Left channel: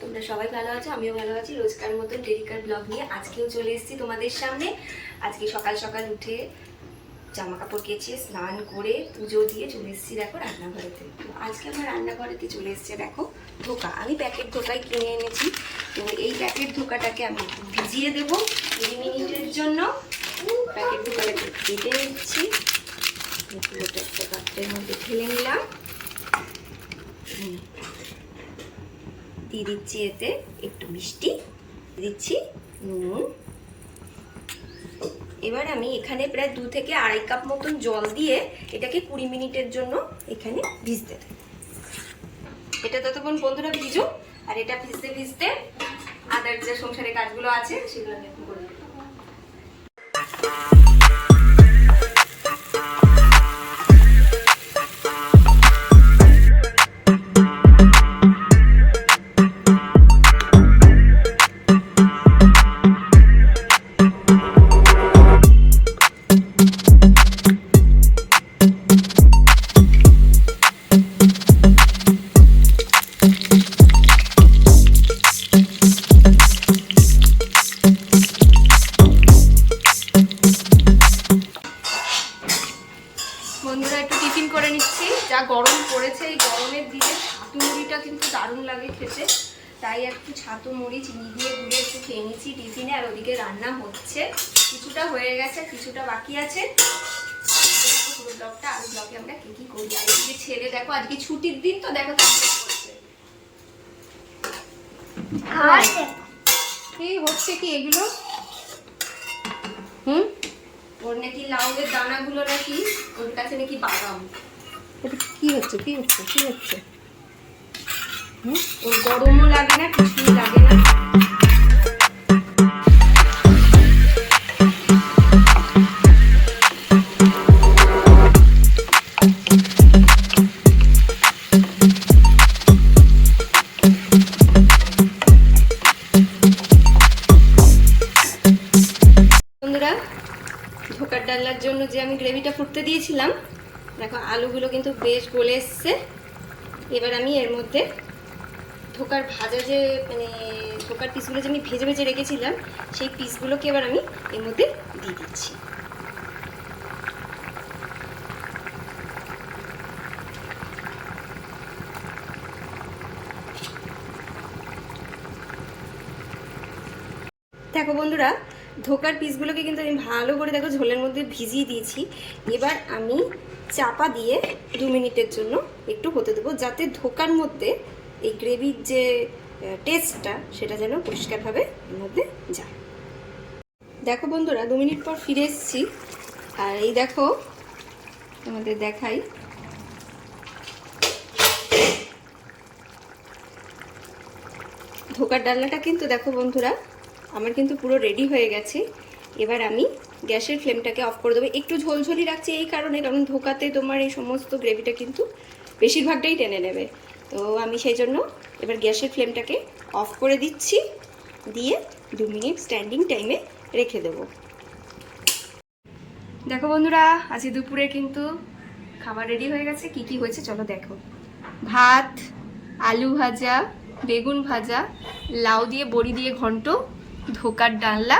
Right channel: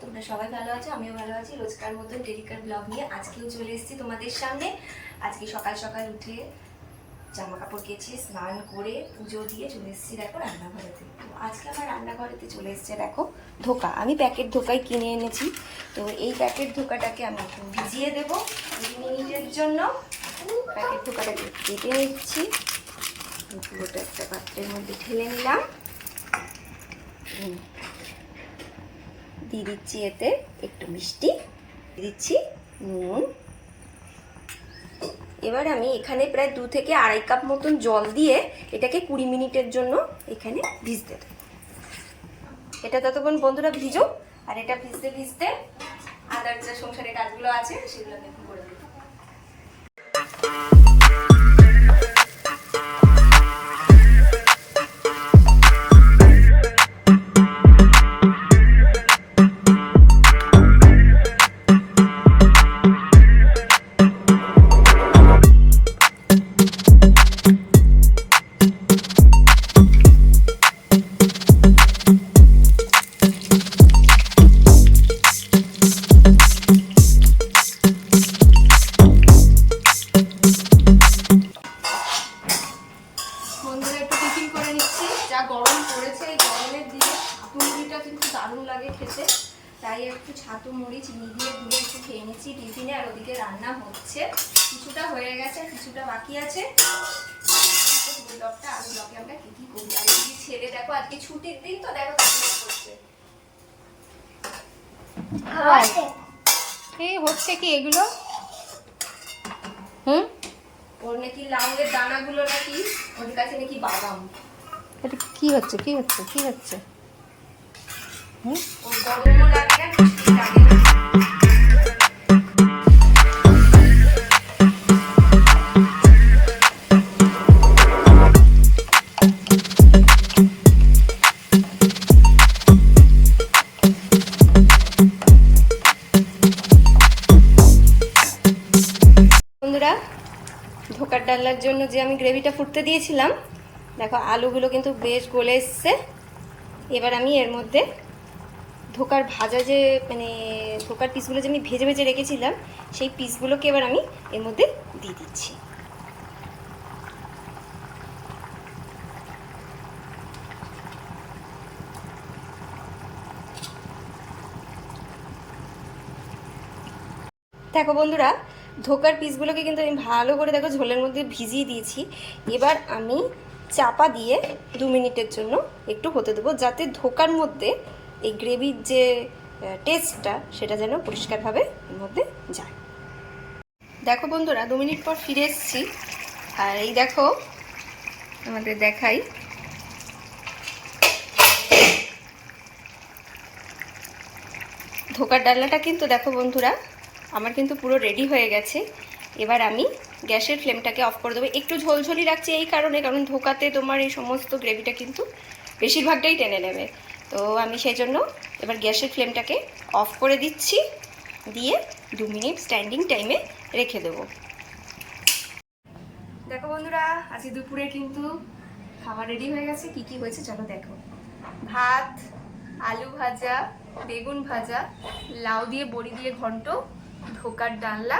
তোমরা সবাই ভালো আছো, আমিও ভালো আছি। রোজকার মতন টেরিকার ব্লগ নিয়ে আজকেও চলে এসেছি তোমাদের সামনে। আজকে সকাল সকাল উঠে জামা কাপড় কেচে, স্নান করে, পুজো দিয়ে চলে এসেছি দেখো রান্নাঘরেতে। তো আজকে আমার রান্নাঘরেতে চলে এসেছে দেখো ধোকা। আমি প্যাকেট ধোকাই কিনে এনেছি। তো এই প্যাকেট ধোকাটাকে আমি ভিজিয়ে দেবো কুড়ি মিনিটের জন্য। প্যাকেট ধোকাটাকে কেটে নিচ্ছি। পুরোটা একটা পাত্রের মধ্যে ঢেলে নিলাম। হুম। দিয়ে দিচ্ছি এতে একটু মিষ্টি। দিচ্ছি নুন। এবার আমি এখানে প্রায় দু থেকে আড়াই কাপ মতন জল দিয়ে এটাকে কুড়ি মিনিটের জন্য এখানে ভিজতে দেব। এটা ততক্ষণ বন্ধুরা ভিজো, আর এটা ভিজতে ভিজতে আদার যে সংসারে কাজগুলো আছে সেগুলো আমি করে নেব। দিনে ছাতু মুড়িটা কিন্তু দারুণ লাগে খেতে। তাই একটু ছাতু মুড়ি চিনি দিয়ে গুলে একটু খেয়ে নিচ্ছি টিফিনে আর ওদিকে রান্না হচ্ছে। কিছুটা হয়ে গেছে কিছুটা বাকি আছে। পুরো ব্লগটা আর ব্লগে আমরা কি কি করি? আর এদিকে ছেলে দেখো আজকে ছুটির দিন তো দেখো। এই হচ্ছে কি এগুলো? হুম? ওর নাকি লাউয়ের দানাগুলো নাকি ওর কাছে নাকি বাদাম। এটা কি হচ্ছে? কি হচ্ছে? কি হচ্ছে? হুম? ধোকার ডাল্লার জন্য যে আমি গ্রেভিটা ফুটতে দিয়েছিলাম দেখো, আলুগুলো কিন্তু বেশ গলে এসছে। এবার আমি এর মধ্যে ধোকার ভাজা যে মানে ধোকার পিসগুলো যে আমি ভেজে ভেজে রেখেছিলাম, সেই পিসগুলোকে এবার আমি এর মধ্যে দিয়ে দিচ্ছি। দেখো বন্ধুরা ধোকার পিসগুলোকে কিন্তু আমি ভালো করে দেখো ঝোলের মধ্যে ভিজিয়ে দিয়েছি। এবার আমি চাপা দিয়ে দু মিনিটের জন্য একটু হতে দেবো, যাতে ধোকার মধ্যে এই গ্রেভির যে টেস্টটা সেটা যেন পরিষ্কারভাবে এর মধ্যে যায়। দেখো বন্ধুরা, দু মিনিট পর ফিরে এসেছি। আর এই দেখো আমাদের দেখাই। ধোকার ডালনাটা কিন্তু দেখো বন্ধুরা আমার কিন্তু পুরো রেডি হয়ে গেছে। এবার আমি গ্যাসের ফ্লেমটাকে অফ করে দেবো। একটু ঝোলঝোলি রাখছি এই কারণে, কারণ ধোকাতে তোমার এই সমস্ত গ্রেভিটা কিন্তু বেশিরভাগটাই টেনে নেবে। তো আমি সেই জন্য এবার গ্যাসের ফ্লেমটাকে অফ করে দিচ্ছি। দিয়ে দু মিনিট স্ট্যান্ডিং টাইমে রেখে দেবো। দেখো বন্ধুরা আজকে দুপুরে কিন্তু খাবার রেডি হয়ে গেছে। কি কি হয়েছে চলো দেখো। ভাত, আলু ভাজা, বেগুন ভাজা, লাউ দিয়ে, বড়ি দিয়ে ঘন্ট ধোকার ডালনা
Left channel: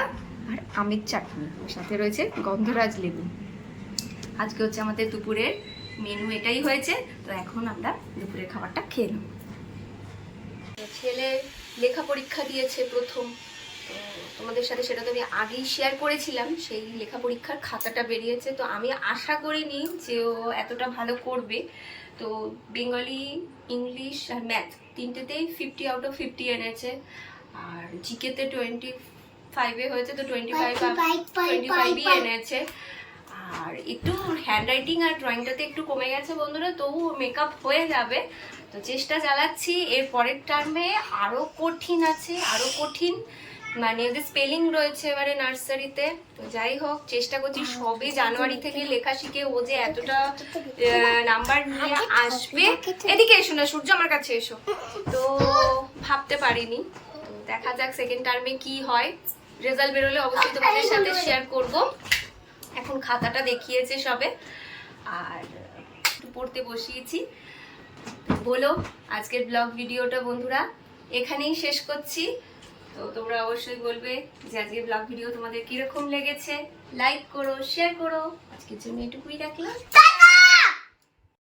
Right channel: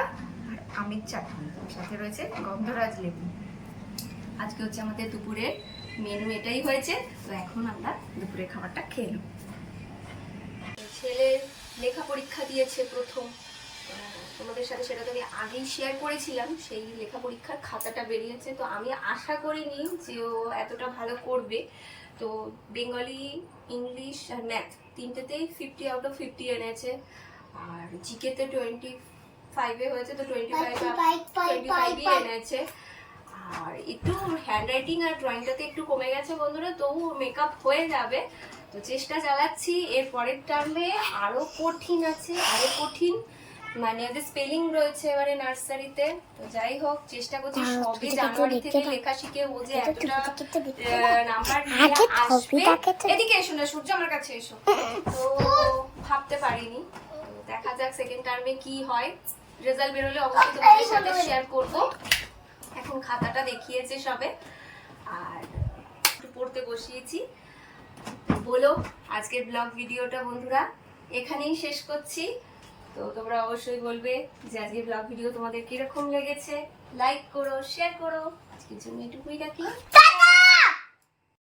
আর আমের চাটনি। সাথে রয়েছে গন্ধরাজ লেবু। আজকে হচ্ছে আমাদের দুপুরের মেনু এটাই হয়েছে। তো এখন আমরা দুপুরের খাবারটা খেয়ে নেব। ছেলে লেখা পরীক্ষা দিয়েছে প্রথম। তোমাদের সাথে সেটা তো আমি আগেই শেয়ার করেছিলাম। সেই লেখা পরীক্ষার খাতাটা বেরিয়েছে। তো আমি আশা করিনি যে ও এতটা ভালো করবে। তো বেঙ্গলি, ইংলিশ আর ম্যাথ তিনটেতেই ফিফটি আউট অফ ফিফটি এনেছে। আর জিকেতে টোয়েন্টি ফাইভে হয়েছে তো টোয়েন্টি ফাইভ টোয়েন্টি ফাইভই এনেছে। আর একটু হ্যান্ড রাইটিং আর ড্রয়িংটাতে একটু কমে গেছে বন্ধুরা তবু মেকআপ হয়ে যাবে। তো চেষ্টা চালাচ্ছি এর পরের টার্মে আরও কঠিন আছে আরও কঠিন। মানে ওদের স্পেলিং রয়েছে এবারে নার্সারিতে। তো যাই হোক চেষ্টা করছি সবে জানুয়ারি থেকে লেখা শিখে ও যে এতটা নাম্বার নিয়ে আসবে। এদিকে এসো না সূর্য আমার কাছে এসো। তো ভাবতে পারিনি। দেখা যাক সেকেন্ড টার্মে কি হয়। রেজাল্ট বেরোলে অবশ্যই তোমাদের সাথে শেয়ার করব। এখন খাতাটা দেখিয়েছে সবে। আর একটু পড়তে বসিয়েছি। বলো আজকের ব্লগ ভিডিওটা বন্ধুরা এখানেই শেষ করছি। তো তোমরা অবশ্যই বলবে যে আজকের ব্লগ ভিডিও তোমাদের কীরকম লেগেছে। লাইক করো শেয়ার করো। আজকের জন্য এটুকুই রাখলাম।